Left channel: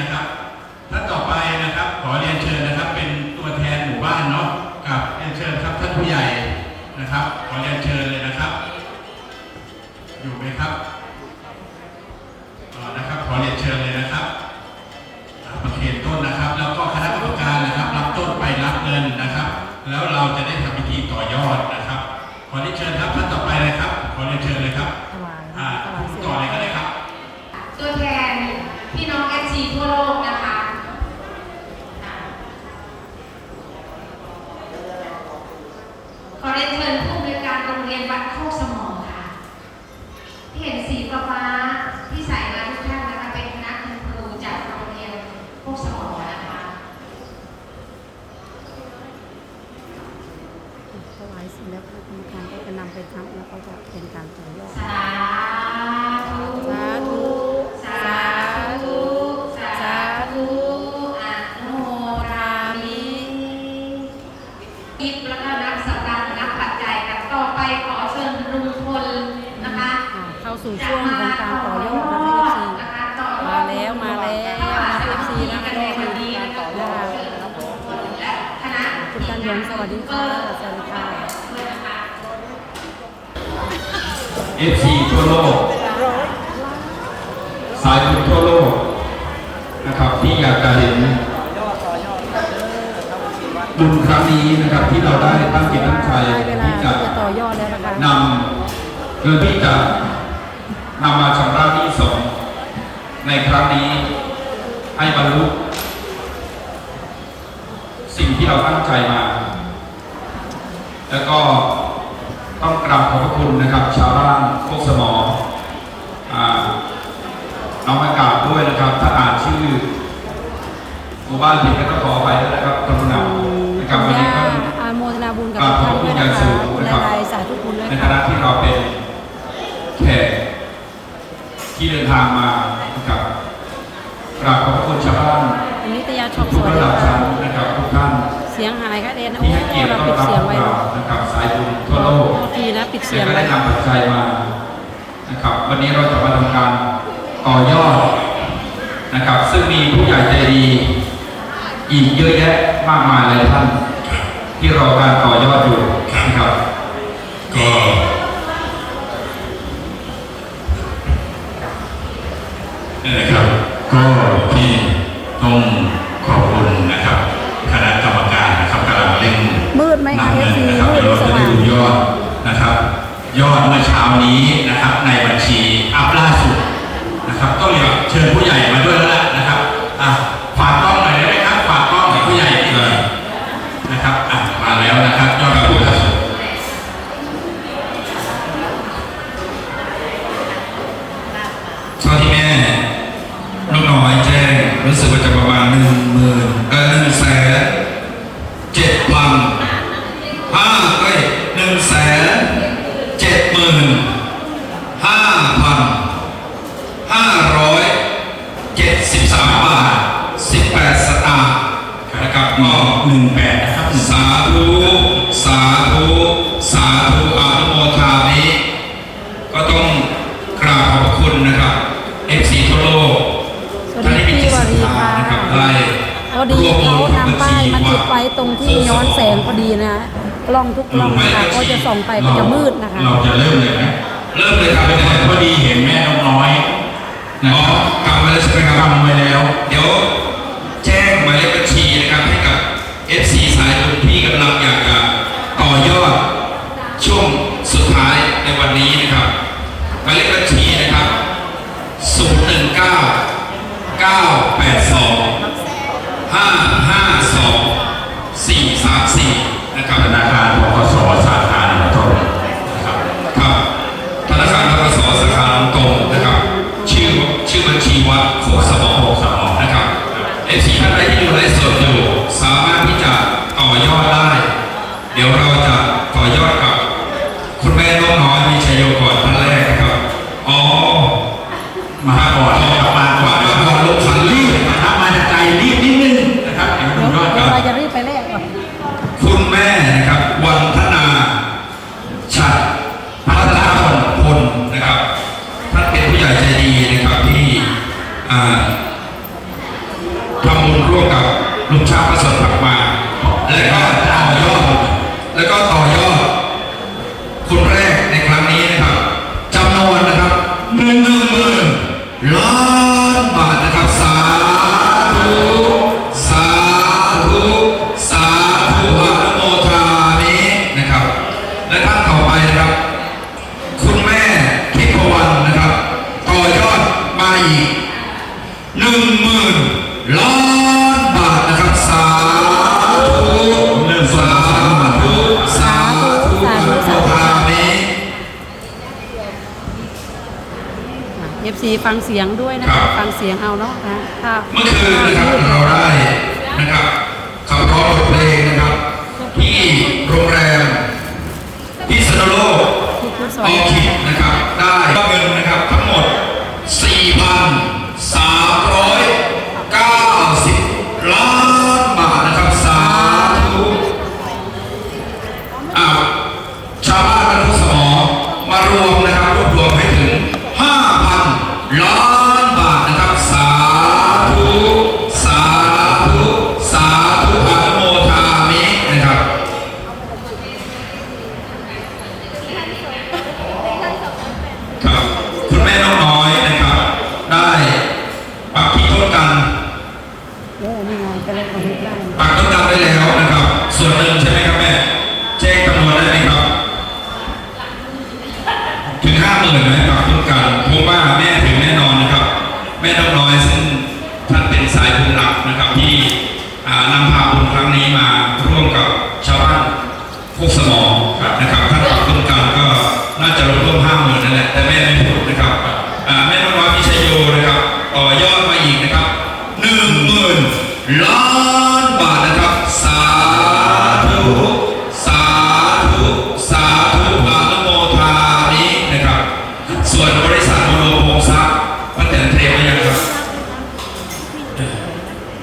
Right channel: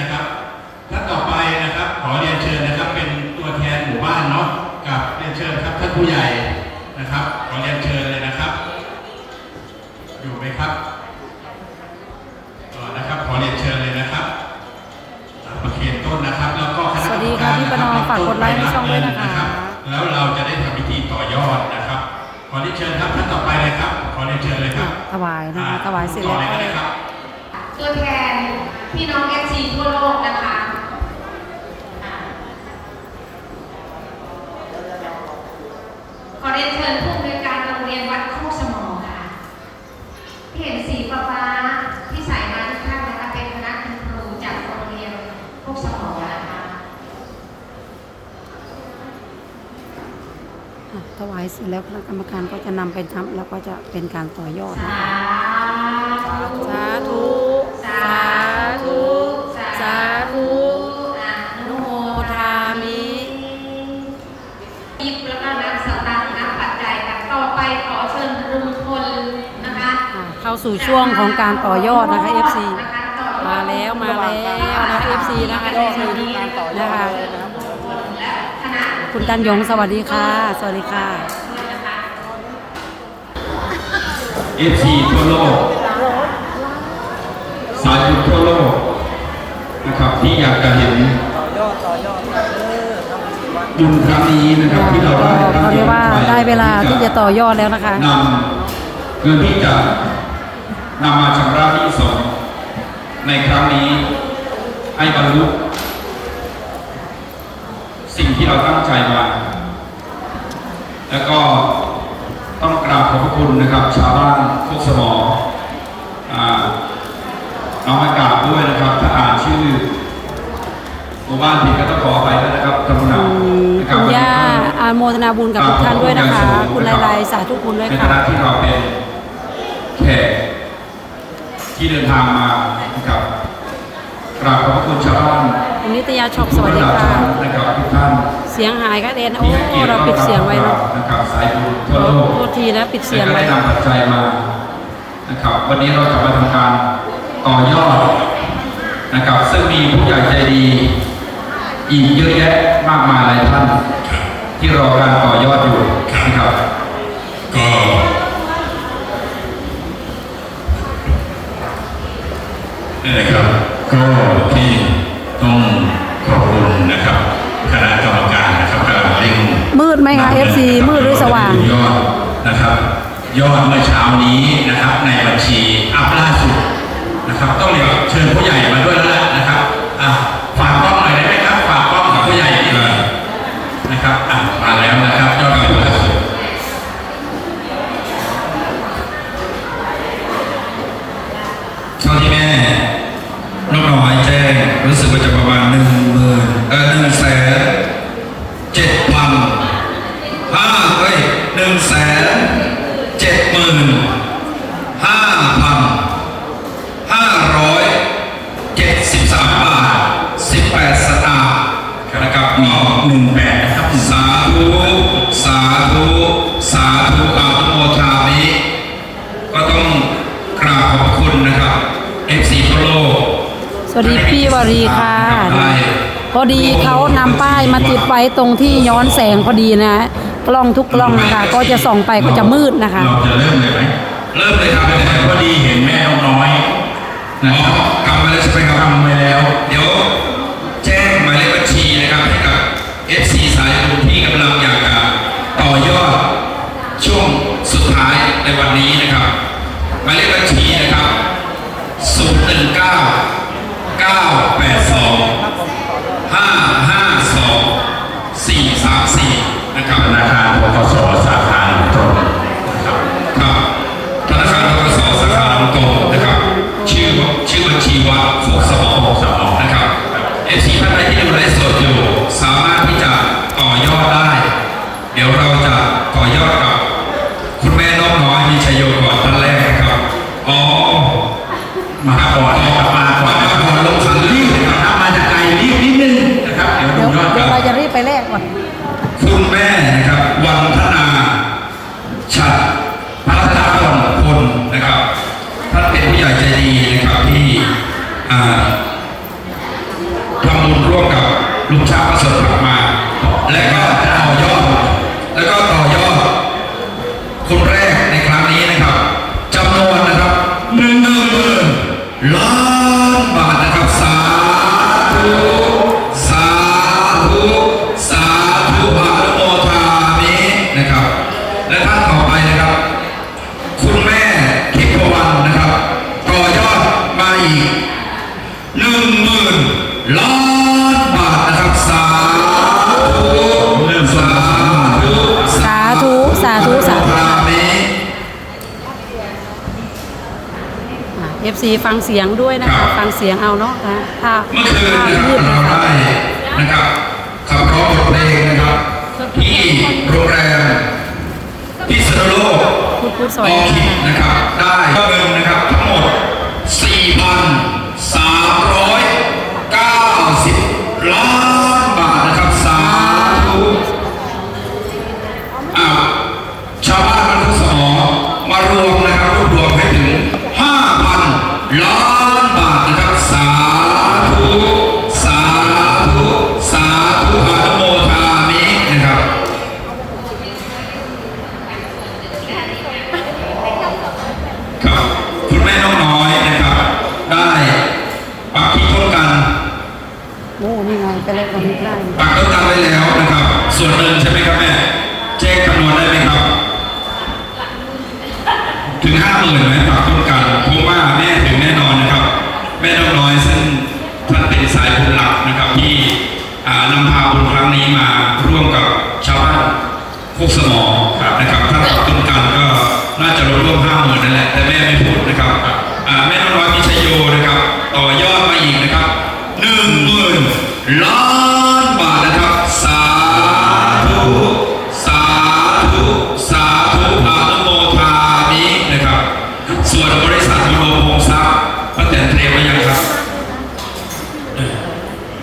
นี้นะครับท่านต่อไปนะครับ ขอเรียนเชิญนะครับ เป็นตัวแทนหมู่บ้านเนาะกับเรียนเชิญครับท่านผู้ใหญ่นะครับ ขอเรียนเชิญเลยนะครับ อยู่ไหมครับต่อนะครับ ขอเรียนเชิญเลยนะครับประเคนต้นนะครับ แล้วก็คณะกรรมการนะครับรับต้นไปรับเงินนะครับ แล้วเราจะได้ทำพิธีต่อยอดนะครับ ขอเรียนเชิญครับท่านต่อไปเลยครับ ขอเรียนเชิญเลยครับถวายนะคะถวายเสร็จต่อแล้วเลยก็ได้ครับตัวแทน พี่น้องเอฟซีทั่วโลกนะคะขอเรียนเชิญผู้อำนวยการโรงเรียนวัดโคกสมองค่ะ ที่เห็นสีฟ้าๆที่ใส่มาทุกท่านนะคะเป็นคณะคุณครูจากโรงเรียนโคกสมองนะคะอะถวายเสร็จแล้วคณะกรรมการก็จะนำไปทำแล้วก็จะเป็นการต่อยอดสาธุ สู่ช่วงของการต่อยอดนะคะ FC มาแล้วมาแล้วนะคะ FC นะคะ FC นะคะคณะคุณตันยงสวัสดีค่ะ สวัสดีค่ะ FC ทั่วโลกสายบุญทั่วโลกนะครับที่อยากจะเห็นบุญครั้งนี้นะครับที่เราได้ตั้งใจเรียกตั้ว่างใจได้เวลาที่จะต่อยอดแล้วนะคะนำเงินที่จะ นำมาชำระหนี้สงฆ์ในครั้งนี้ให้บรรลุสิ่งที่เราตั้งใจมา แล้วก็ต้องกราบขอบพระคุณนะครับ ชาวบ้านโคกสมออ่าเอามากราบด้วยนะครับถ้าอ่านชื่อหมู่บ้านผิดก็ต้องขอไปด้วยนะครับตำหนักนะครับคุณวันย่านี้ก็อานโมทนาบุญกับทุกท่านด้วยนะคะคุณลายลายสาธุคุณด้วยในค่ะฐานะที่เราเป็นแขก ที่เดินทางมานะครับกราบขอบพระคุณชาวบ้านคุณนิตยาช็อปสทุกวัสระดีดับค่ะชั้นนะครับทุกท่านเสียงหายค่ะเดนโอ้ที่ให้เกียรติเราต้อนปิดรับเสียงไว้เราเนาะนะครับสายบุญทั่วโลกโทษทีนะปิดเสียและงก็ไว้ได้นำปัจจัยมานะครับ วันนี้เราจะมาทำการต่อยอดนะครับ ซึ่งมีผู้ใหญ่ใจดีอีกเยอะแยะมากมายหลายท่าน ที่รอการต่อยอดอยู่นะครับก็ นี่นแหละครับ ก็ที่ต้องขอบคุณนะครับคณะกรรมการนะครับกำลังเร่งมืดไหมคะนำเงิน FC นะครับมืดหรือสว่างเดี๋ยเรจะดูยอดนะครับ ยอดเมื่อเช้านี้นะครับในบัญชีอัพล่าสุดนะครับต้องเรียกเชิญผู้ใหญ่มาด้วยแล้วล่ะนะ อดีเขานำป้ายมาติดไว้ตรงที่ย้อนแสงพอดีนะกล้องทุกกล้องนะคะก็จะส่องไปก็จะมืดนะคะ เราจะเริ่มเลยไหมเริ่มเลยครับพอดีเห็นแม่นกน้อยนะอ๋อครับกลับมาแล้วใช่ไหมครับทำไว้แล้ว เดี๋ยวแจ้งหมายเลขบัญชีนะครับให้กับ FC สายบุญที่กำลังอยากจะต่อยอดช่วงสุดท้ายในวันนี้นะครับหมายเลขบัญชีนะครับ019 9 ฟังเสียงด้วยนะคะ ฟังเสียงเอาเนาะค่ะพูด ก็เลยกระพริบได้ปากก็จำได้แล้วนะครับ ส่วนเงินใช่ไหมครับแม่แจ้งจำนวณได้ไหมครับ ถึงห้าหมื่นไหมปากต้อง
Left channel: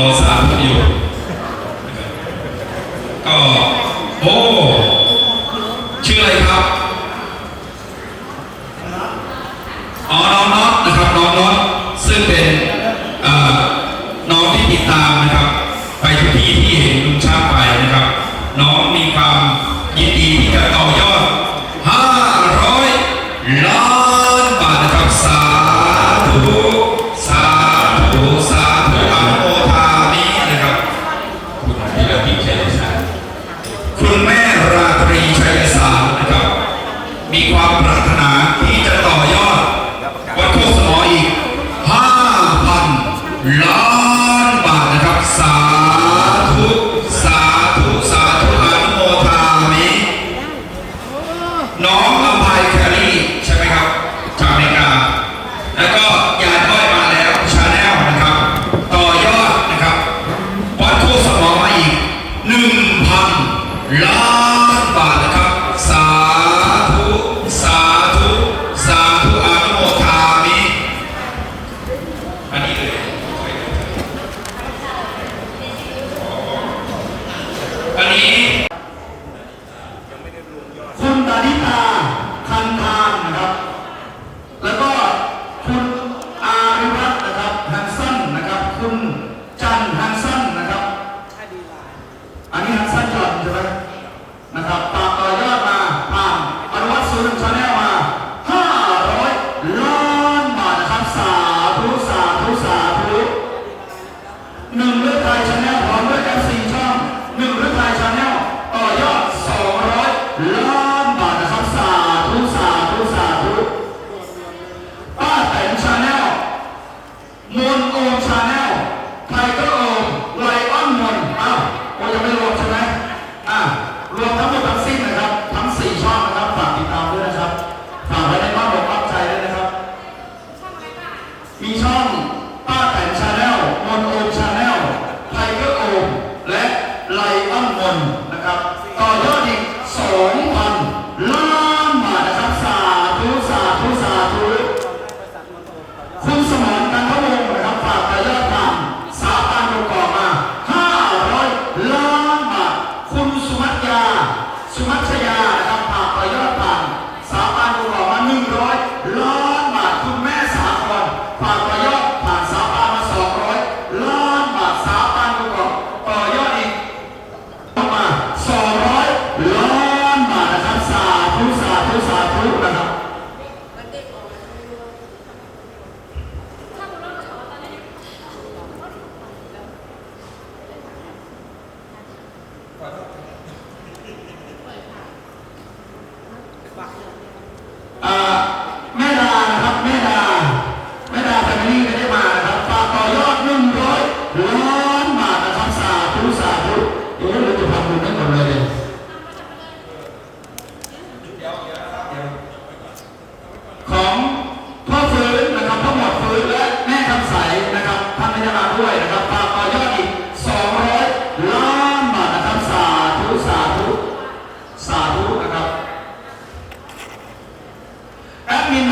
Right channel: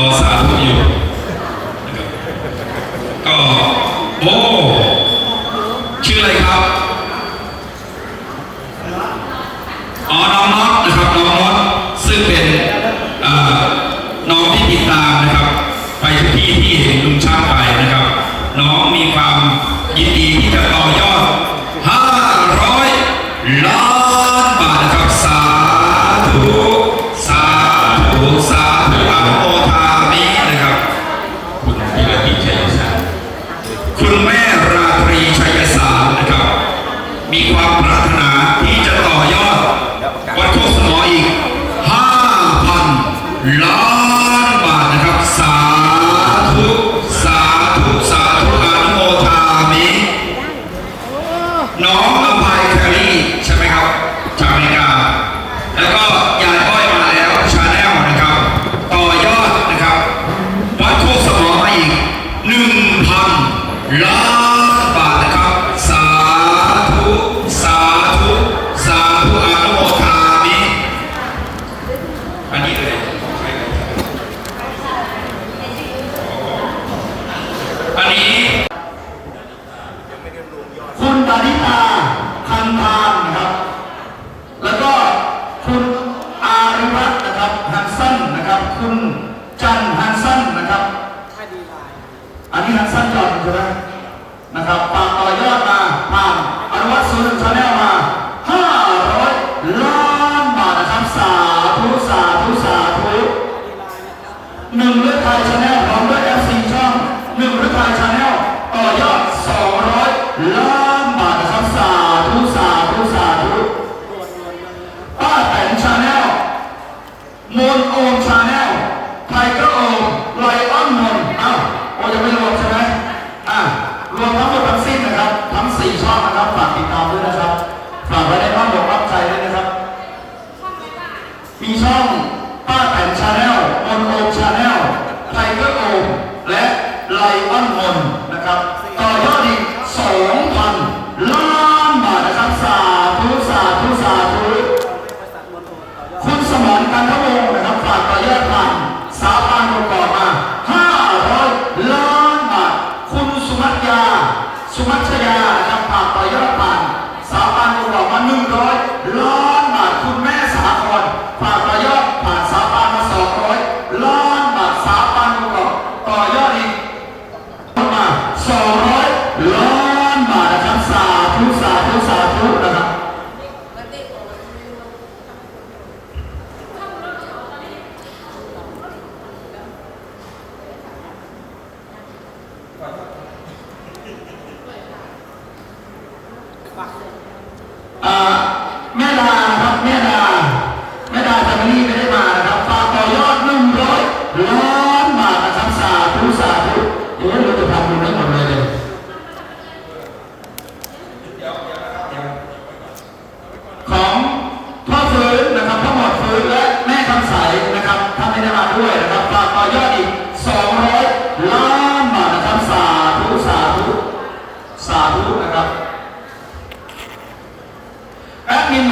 I love you.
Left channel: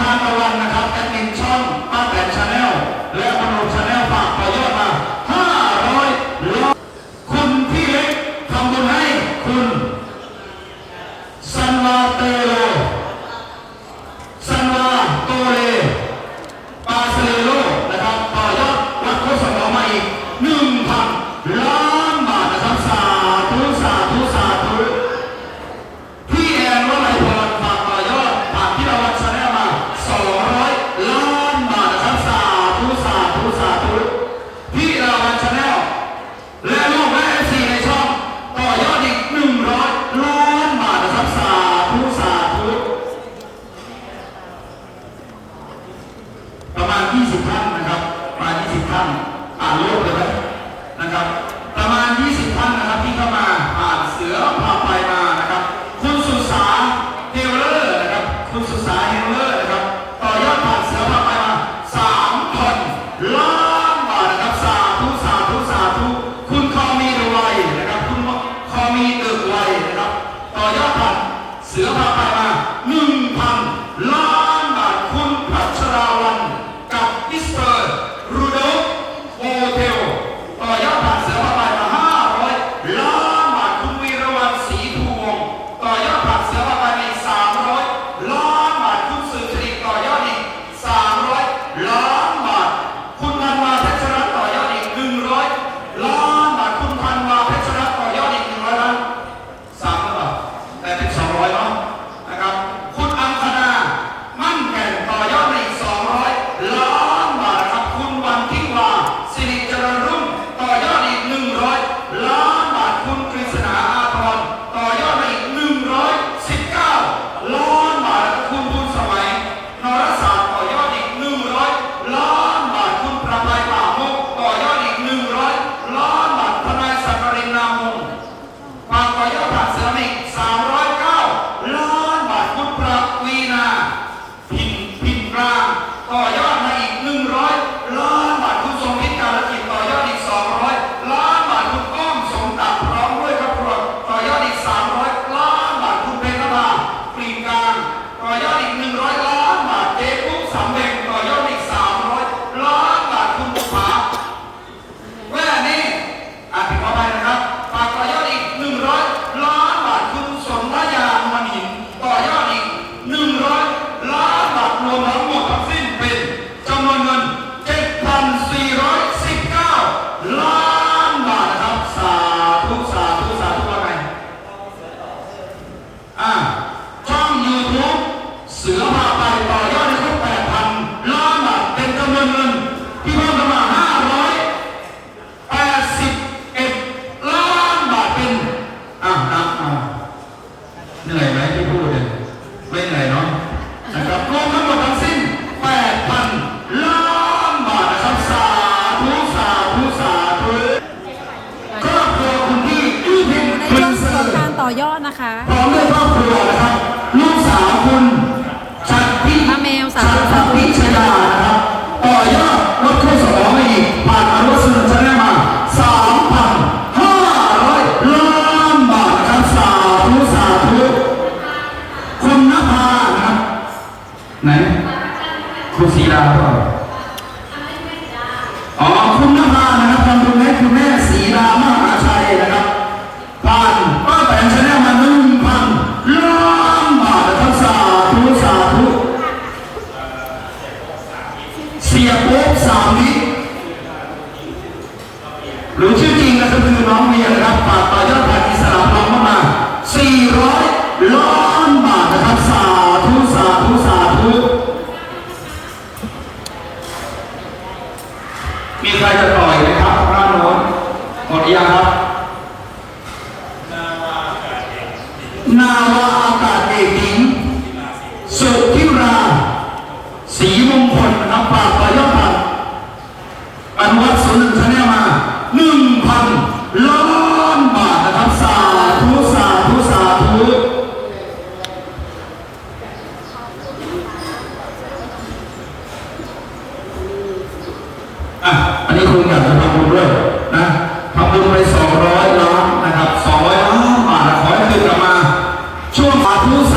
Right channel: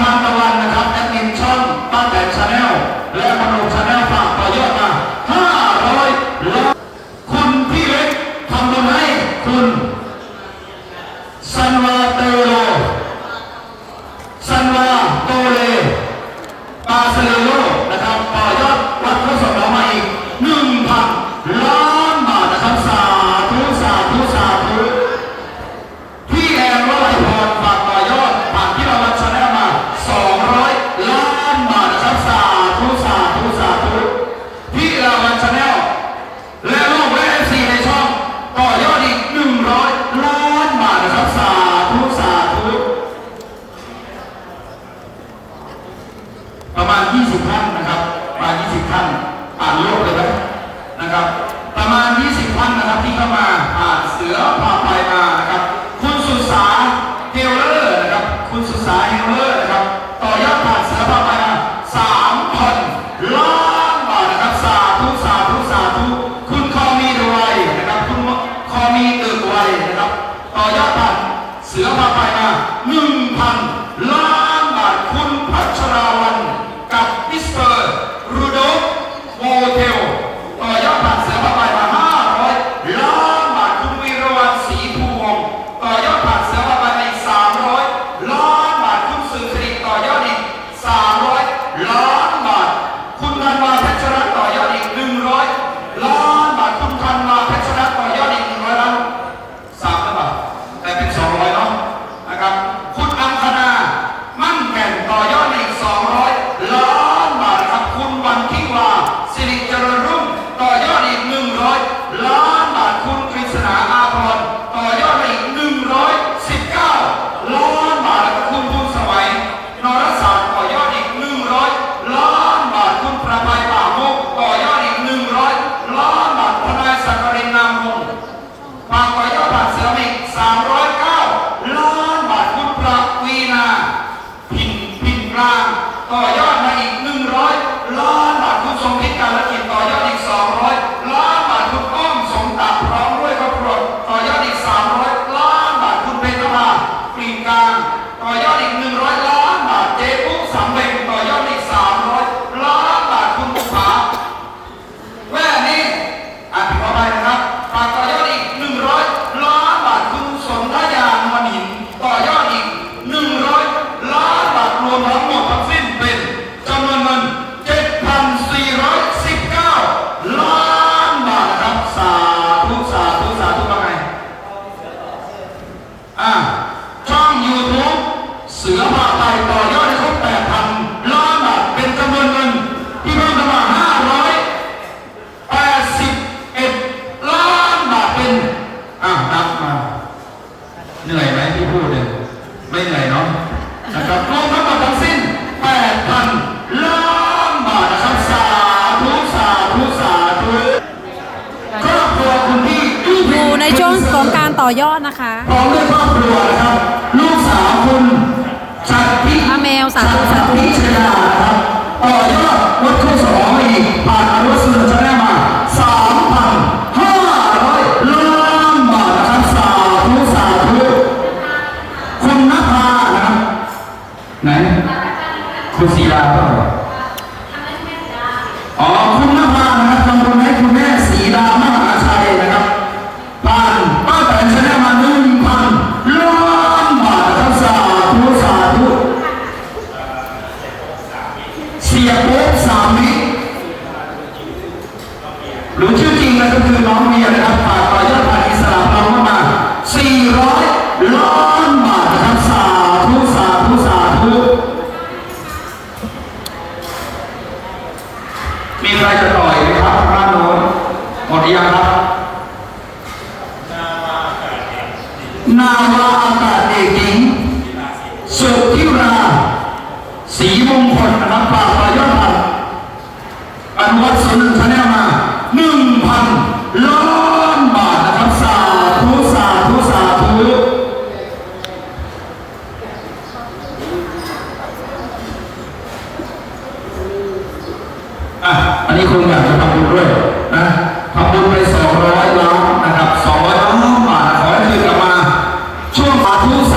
มาตะวันนะครับ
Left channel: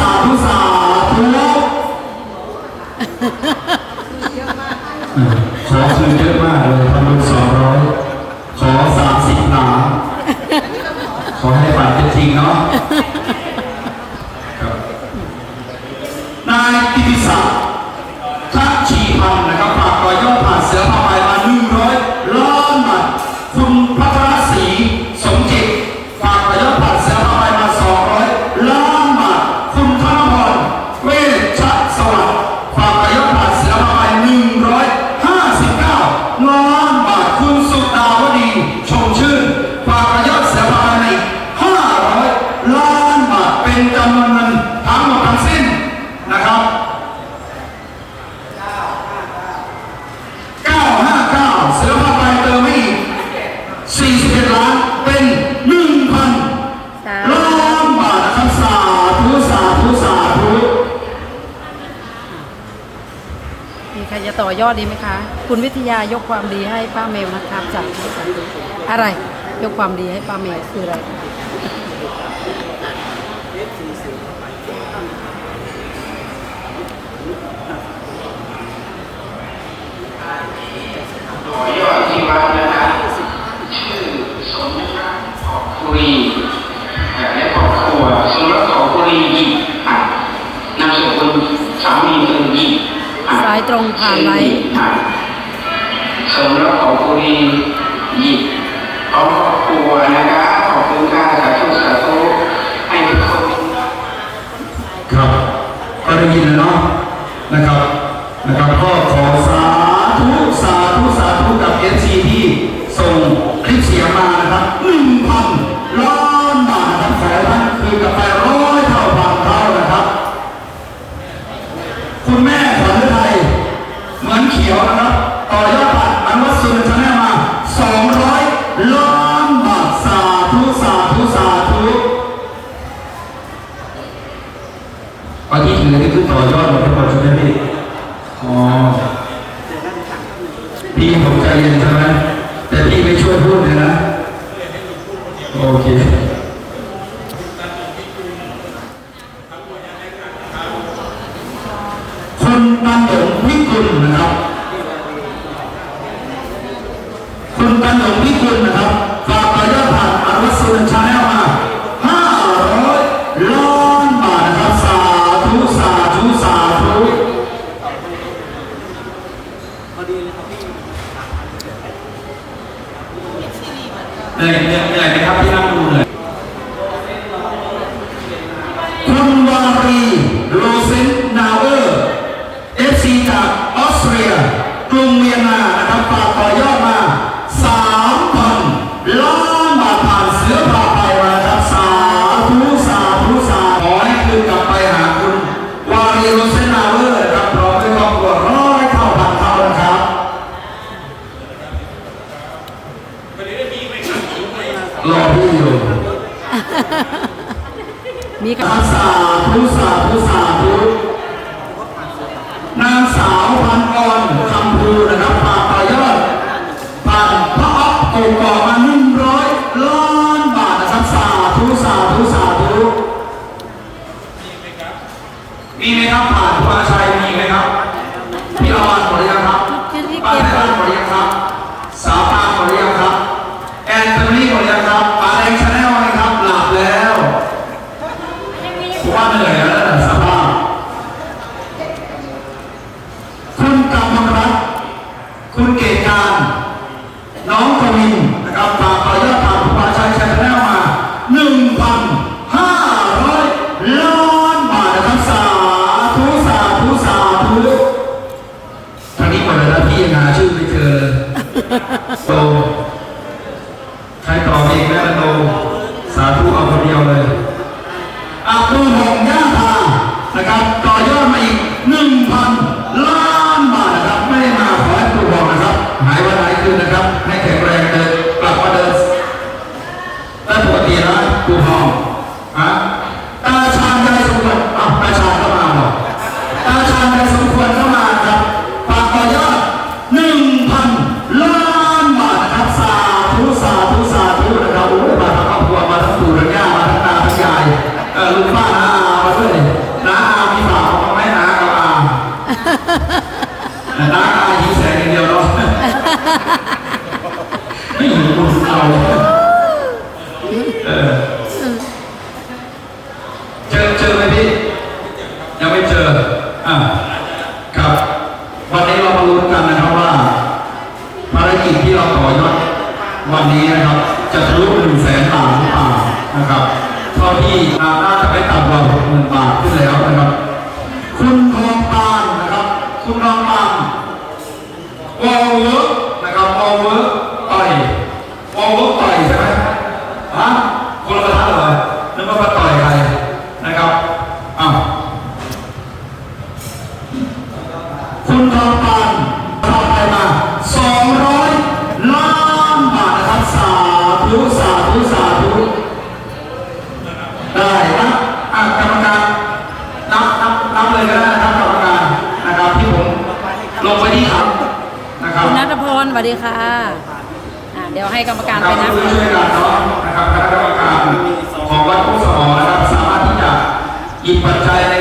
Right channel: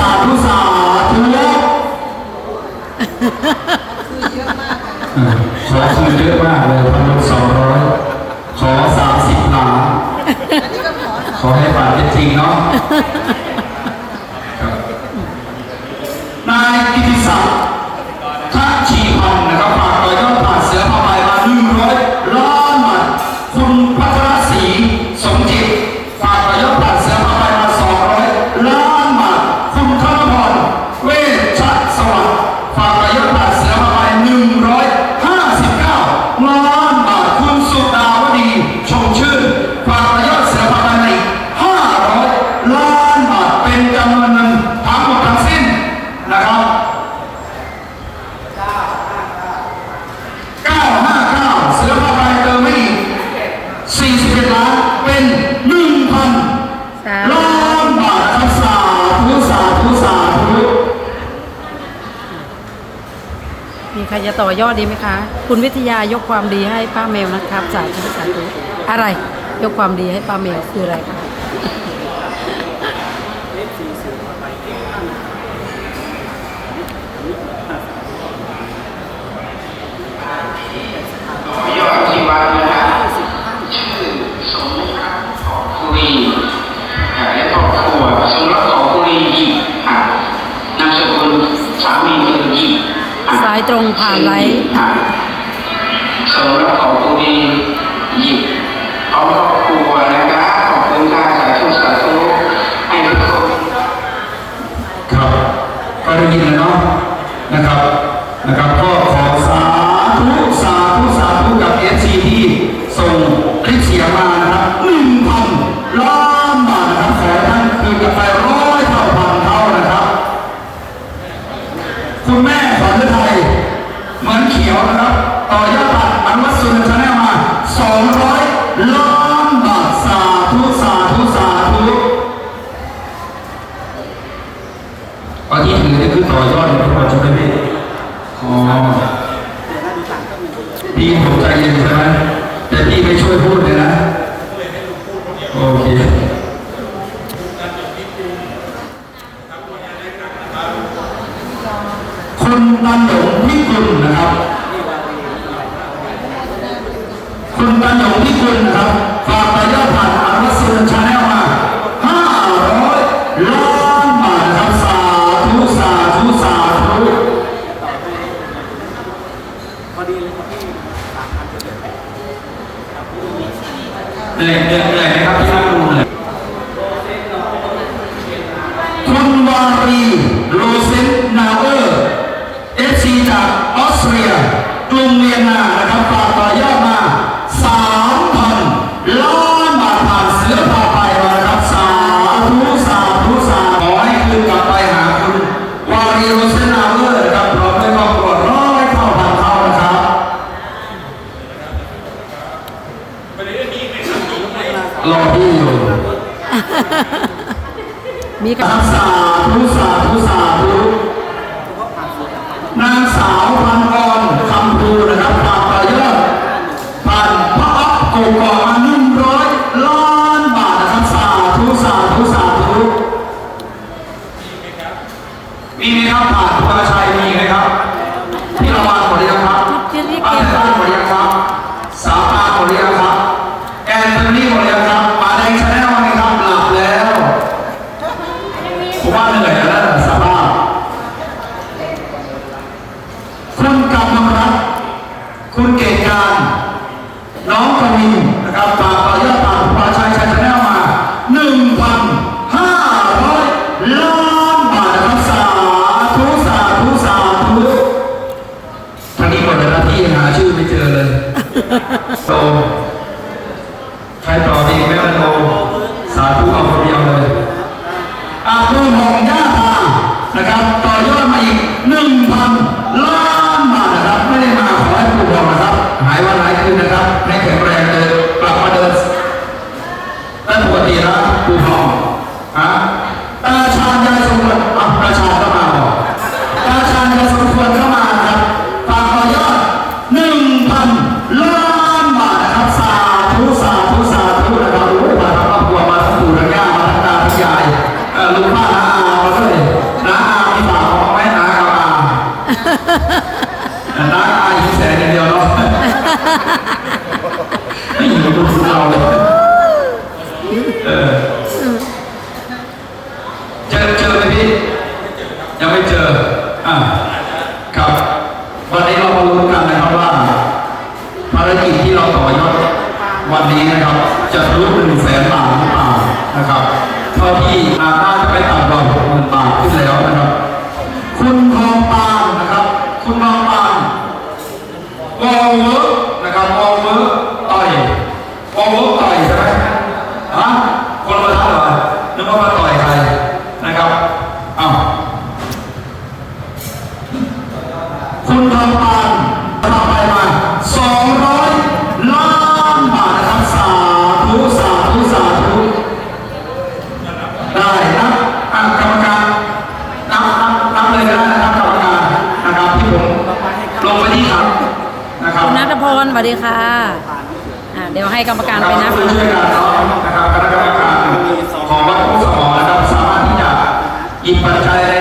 าธุสาธุขอคืนเยอะมากเลยพันสองร้อยขอสามสิบล้าขอให้ฝันเป็นจริงเนาะ อยอดดีไหมคะ คุณวิทยายกความดีให้ป้าแมวนะครับจาธุสาธุอะไร ยกความดีให้ป้าแมวคืออะไรคะยอดที่วัดนะคะชื่อสมขอคุรีและครอบครัวสมรักขอคุรีอ่านนามสกุลสามี ตรงผ่านไว้สมรับของครูดียิบของครูนะครับขอบคุณค่ะสาธุสาธุให้ทุกคนครับก็ได้ยินแล้วเนาะนะครับนะครับก็ อันนี้คือต่อยอดของเราใช่ไหมพี่ อ๋อพี่ผมใจเย็นใช่ไหม เหนื่อยเหนื่อยไหมครับ থেকে Fala. 哈哈哈哈哈！那以前的叫咯，哈哈哈哈哈！那以不知道了。 ทุนกองกาทำไปมา 200 ล้านบาทนะครับสาธุสาธุสาธุได้ครักรรมการนับเลยก็ได้นับกรรมการนะครับที่ผมลงไปที่ครับคุณนัทพลสวัสดีค่ะอ่เดี๋ยวให้กรรมการไปนะช่วยกันเนาะนะครับคณะกรรมการของวัดทุ่งสมอนะครับสามารถที่จะหยิบปัจจัยใน